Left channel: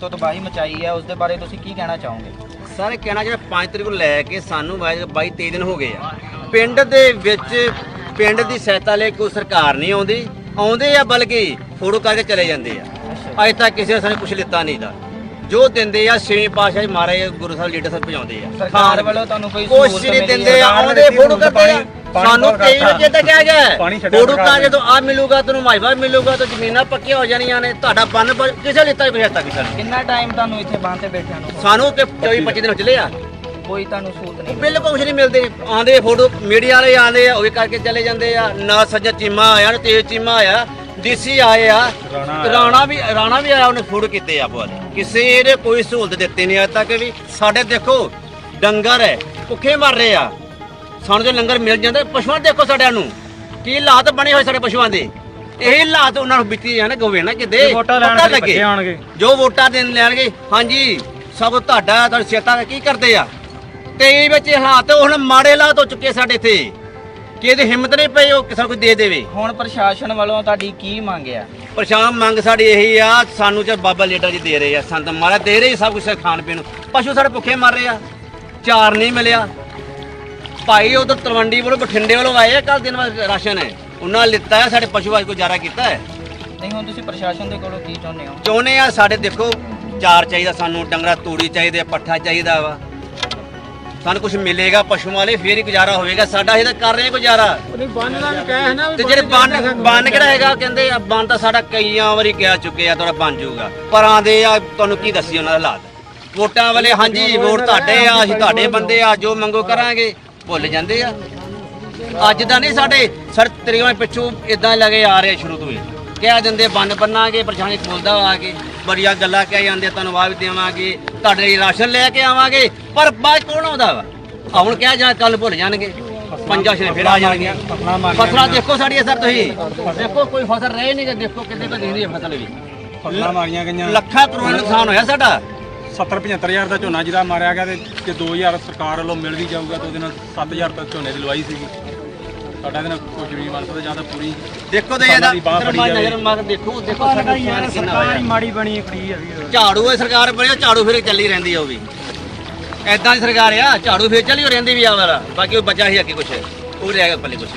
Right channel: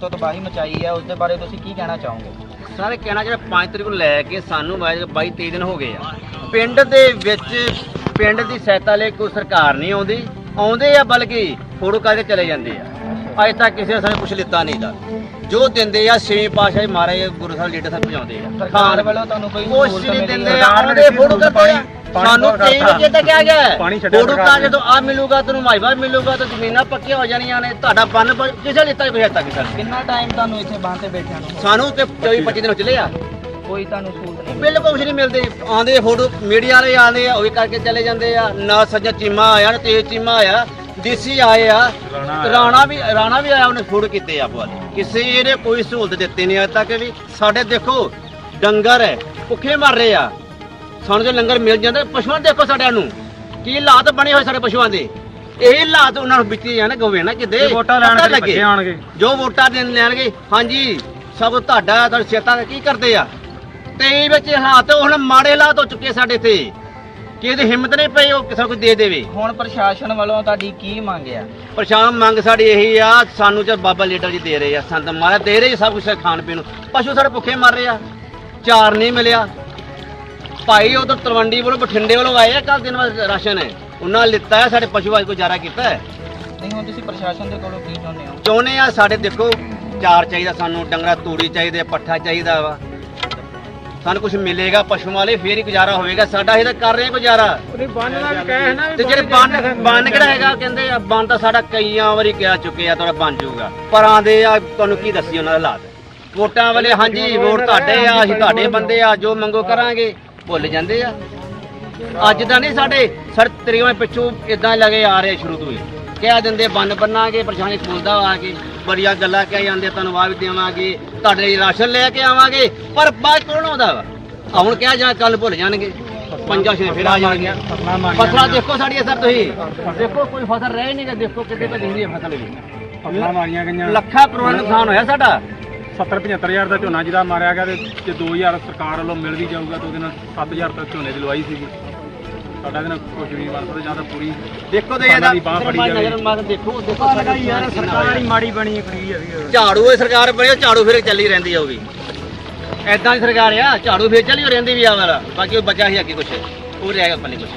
ਤੋਂ ਤਬਾਹੀ ਮਚਾਈ ਹੈ ਉਸ ਦੇ ਬਾਰੇ ਤੁਸੀਂ ਕੀ ਕਹਿਣਾ ਚਾਹੋਗੇ? ਸਾਰੇ ਕਹਿਣਾ ਜਿਹੜਾ 5 ਤਰੀਕ ਨੂੰ ਲੈ ਕੇ ਸਾਨੂੰ 22 23 ਦਿਨ ਹੋ ਗਏ ਆ। ਪਿੰਡ ਦੇ ਵਿੱਚ ਪਿੰਡ ਦੀ ਸਹਾਇਤਾ ਲਈ ਕੋਈ ਸਰਕਾਰ ਨਹੀਂ ਆਉਂਦੀ। ਆਉਂਦੇ ਆ ਬਲਕਿ ਫੋਟੋ ਕਰਕੇ ਚਲੇ ਜਾਂਦੇ ਆ। ਅੱਜ ਤੱਕ ਕਿਸੇ ਨੇ ਸਾਨੂੰ ਕੁਛ ਲਿੱਤਾ ਨਹੀਂ ਦਾ। ਜੋ ਦਿੰਦੇ ਆ ਛੇਵੇਂ ਪਾਤਸ਼ਾਹ ਮਹਾਰਾਜ ਗੁਰੂ ਸਾਹਿਬ ਲੀਡਰ ਸਾਹਿਬ ਪਹੁੰਚਾਉਂਦੇ ਆ। ਸਰਕਾਰ ਵੱਲੋਂ ਤੁਹਾਨੂੰ ਕੋਈ ਸਹੂਲਤ ਨਹੀਂ ਮਿਲੀ ਦਿੰਦੇ ਆ ਆਉਂਦੇ ਫੋਟੋ ਕਰਦੇ ਆ। ਸਾਨੂੰ ਕਈ ਵਜੇ ਤੱਕ ਕਿਹਾ ਗਿਆ ਫੋਟੋ ਤਾਂ ਜਦੋਂ ਆ ਮਿਲੂਗਾ ਤੈਨੂੰ ਮਾਈਵਾ ਮਿਲੂਗਾ ਤਾਂ ਜ਼ਮੀਨਾਂ ਪੱਕੀਆਂ ਹੋ ਜਾਣੀਆਂ ਨੇ। ਤੁਹਾਡਾ ਬੰਨ ਕਿਸੇ ਲਿੱਤਾ ਹੀ ਪਛਾਤਾ ਨਹੀਂ ਸਾਨੂੰ ਕਿੰਨਾ ਟਾਈਮ ਤੁਹਾਨੂੰ ਇੱਥੇ ਬਾਂਹ ਤੇ ਬੈਠਿਆਂ ਨੂੰ? ਸਾਨੂੰ ਤੇ 24 25 ਦਿਨ ਹੋ ਚਲੇ ਆ ਕੋਈ ਤੁਹਾਨੂੰ ਸਹੂਲਤ ਨਹੀਂ? ਬਿਲਕੁਲ ਕੁਝ ਨਹੀਂ ਮਿਲਦੇ। ਆਂਦੇ ਫੋਟੋ ਮੀਡੀਆ ਵਾਲੇ ਆਂਦੇ ਆ ਉਹ ਵੀ ਕਰਕੇ ਚਲੇ ਜਾਂਦੇ ਆ। ਨਾ ਸੱਜਾ ਚੀਮਾ ਆਇਆ ਨਾ ਤੇਜ ਚੀਮਾ ਆਇਆ। ਡੀਸੀ ਆਏ ਆ। ਰਾਣਾ ਵੀ ਰਾਣਾ ਵੀ ਆਇਆ ਉਹਨੇ ਫੋਟੋ ਕੀਤੇ ਆ ਬਹੁਤ। ਕਿਸੇ ਨੇ ਕੋਈ ਸਹੂਲਤ ਦਿੱਤੀ ਨਹੀਂ ਅਜੇ ਤੱਕ ਵੀ। ਸਾਡੇ ਦੇਖੋ ਡੰਗਰ ਹੈ ਭੁੱਖੇ ਮਰ ਰਹੇ ਆ। ਸਾਨੂੰ ਜੋ ਲੰਗਰ ਮਿਲ ਜਾਂਦਾ ਪਸ਼ੂਆਂ ਦੇਖੋ ਸਾਡਿਆਂ ਨੂੰ। ਕੀ ਹਾਲਾਤ ਬਣੇ ਹੋਏ ਸਾਡੇ ਪਸ਼ੂਆਂ ਦੇ। ਇਹ ਹਾਲਾਤ ਉਹਨਾਂ ਨੂੰ ਬਿੱਤੀ ਜਾਣ ਗਵੇ ਨਾ ਕਿਤੇ। ਪਤਾ ਲੱਗੇ। ਜੋ ਵੋਟਾਂ ਦੇਣ ਲੈਣਗੇ ਹਾਂਜੀ ਸਭ ਤੁਹਾਡਾ ਤੁਹਾਡੀ ਸੇਤਾ ਕੀ ਕਰਦੇ ਆ? ਤੇ ਇਹ ਵਿੱਚ ਹਾਲਾਤ ਹੁਣ ਮਾੜੇ ਹਾਲਾਤ ਹੋ ਚੁੱਕੇ ਸਾਡੇ ਇੱਥੇ। ਕਿ ਇਹਦੀ ਹਿੰਮਤ ਨਹੀਂ ਪਈ ਉਹ ਕਿਸੇ ਕੋਈ ਦੇ ਦੇਵੇ। ਹੁਣ ਪ੍ਰਸ਼ਾਸਨ ਵੱਲੋਂ ਤੁਹਾਡੀ ਕੀ ਮੰਗ ਆ? ਪਰੇਸ਼ਾਨ ਮੰਗ ਸਾਡੀ ਇਹੀ ਆ ਸਾਨੂੰ ਤੇ ਬਾਬਾ ਲੀਡਰ ਜੀ ਦੇ ਰਹੇ ਆ ਸੰਤ ਮਹਾਰਾਜ ਦੇ ਰਹੇ ਜੀ ਸਭ ਕੁਝ ਖਾਣ ਪੀਣ ਨੂੰ। ਪਸ਼ੂ ਸਾਡੇ ਭੁੱਖੇ ਮਰ ਰਹੇ ਆ ਚਾਰ ਨਹੀਂ ਮਿਲਿਆ। ਭਾਈ ਉਧਰ ਤਲਵੰਡੀ ਵੱਲੋਂ ਬਠਿੰਡੇ ਵੱਲੋਂ ਆਏ ਆ ਕੱਲ ਦਿਨ ਵਾਸਤੇ ਰਾਸ਼ਨ ਹੈ। ਉਹਨਾਂ ਲਿੱਤਾ ਹੈ ਸਾਡੇ ਪਸ਼ੂ ਅੱਜ ਗੁਜ਼ਾਰਾ ਕੀਤਾ ਹੈ? ਨਹੀਂ ਹੁਣ ਤੁਸੀਂ ਪ੍ਰਸ਼ਾਸਨ ਦੇ ਕੋਲੋਂ ਕੀ ਚਾਹੁੰਦੇ ਹੋ? ਚਾਹੁੰਦੇ ਆ ਸਾਡੇ ਦੇਖੋ ਚਾਰ ਚਾਹੀਦਾ ਸਾਨੂੰ ਡੰਗਰਾ ਤੂੜੀ ਚਾਹੀਦੇ ਆ, ਪੱਠਾ ਚਾਹੀਦਾ ਵਾ। ਸਾਨੂੰ ਕੁਝ ਮਿਲੇਗਾ ਪਸ਼ੂ ਵਾਲੇ ਫੇਰ ਹੀ ਗੁਜ਼ਾਰਾ ਹੋਵੇਗਾ। ਸਾਡਾ ਇਹ ਤਾਂ ਕਰ ਰਹੇ ਹਾਂ ਗੁਜ਼ਾਰਾ। ਤੇ ਜਿਹੜੇ ਬੰਨ ਬੰਨ ਕਿਹੜਾ ਹੈਗਾ? ਕਹਿੰਦੇ ਆ ਬੰਨ ਤਾਂ ਸਾਡਾ ਕਈਆਂ ਵਾਰੀ ਕਹਿ ਚੁੱਕੇ ਆ ਤੁਹਾਡਾ ਬਣ ਜਾਊਗਾ। ਪਰ ਆਂਦੇ ਆ ਤੁਹਾਨੂੰ ਕੀ ਦੱਸੀ ਉਹਨਾਂ ਦਾ ਹਾਲਾਤ। ਵੋਟਾਂ ਵਾਲੇ ਹਾਂਜੀ ਵੋਟ ਤੁਹਾਡੇ ਆ ਅਸੀਂ ਤੁਹਾਡੇ ਬੰਦੇ ਆ ਜੋ ਮੰਗੋ ਕਰਾਂਗੇ। ਭੁੱਲ ਜਾਂਦੇ ਆ। ਅੱਜ ਦਾ ਨਹੀਂ ਸਾਡੇ ਸਰ ਤਰੀਆਂ ਪਿੱਛੋਂ ਇਦਾਂ ਲੱਗੇ ਆ ਰਹੇ ਸ਼ੁਰੂ ਤੋਂ ਹੀ। ਕਹਿ ਦਿੰਦੇ ਬੰਨ ਬੰਨਾਂਗੇ ਪਰੇਸ਼ਾਨੀ ਖੋਲਦਾ ਆ ਕੇ। ਬੜੀਆਂ ਗੱਲਾਂ ਕਹਿ ਜਾਂਦੇ ਧੰਨਵਾਦ ਦੇਵਾਂਗੇ। ਤੁਹਾਡੇ ਲਈ ਰਾਸ਼ਨ ਲੈ ਕੇ ਆਵਾਂਗੇ। ਪਰ ਬਾਅਦ ਕੌਣ ਆਉਂਦਾ ਵਾ? ਆ ਹੁਣ ਕਹਿ ਜਾਂ ਕੱਲ ਭੁੱਲ ਜਾਣਗੇ। ਪੰਜਾਂ ਛੇ ਫਿਰ ਆ ਜਾਣਗੀਆਂ। ਫਸਲਾਂ ਦੇਖੋ ਸਾਡੀਆਂ ਸਰ ਤੁਸੀਂ। ਦੇਖੋ ਕੋਈ ਫਸਲ ਰਹਿ ਨਹੀਂ ਦੇਖੋ ਕਿੱਡੇ ਤਾਂ ਦਿਖਦੀ ਹੈ ਫਸਲ ਵੀ ਫਸਲਾਂ ਮਾਰੀਆਂ ਗਈਆਂ। ਲੱਖਾਂ ਕਰੋੜ ਨੁਕਸਾਨ ਹੋਇਆ ਸਾਡਾ। 70 75000 ਦਾ ਝੋਨਾ ਜਿਹਦਾ ਮਾਰਿਆ ਗਿਆ ਤੇ ਜੇ 2000 ਸਰਕਾਰ ਵੱਲੋਂ ਮਿਲ ਵੀ ਜਾਊਗਾ ਤਾਂ ਉਹਦੇ ਨਾਲ 7000 ਤੱਕ ਝੋਨੇ ਦੀ ਲਵਾਈ ਸੀ ਸਾਡਾ ਇਹਦੇ ਨਾਲ ਕੋਈ ਜ਼ਮੀਨ ਮਾਰ ਕਰੋ ਜਾਂ ਤਾਂ ਪੂਰੀ ਦੇਖੋ ਤੇ ਇਹਦਾ ਮਾਰ ਨਜ਼ਰ ਮਾਰ ਦੇਖੋ ਦੇਖੋ ਸਾਡੀ ਸਰਕਾਰ ਹੀ ਮਾੜੀ ਬਣੀ ਖੜੀ ਹੈ ਵੀ ਝਾੜੂ ਇਹ ਸਰਕਾਰ ਬਣੀ ਝਾੜੂ ਫਿਰ ਚੱਲੀ ਰਹਿੰਦੀ ਆ ਉਹ ਵੀ। ਐਦਾਂ ਦੀ ਸਰਕਾਰ ਆ ਝਾੜੂ ਫਿਰ ਚੱਲੀ ਹੋ ਰਹਿੰਦੀ ਵੀ ਆ ਵਾਰਾ ਬਾਕੀ ਉਹ ਬਚਾ ਹੀ ਅੱਗੇ ਕੁਛ। ਉਹ ਰਹਿ ਗਿਆ ਪੱਲੇ ਕੁਛ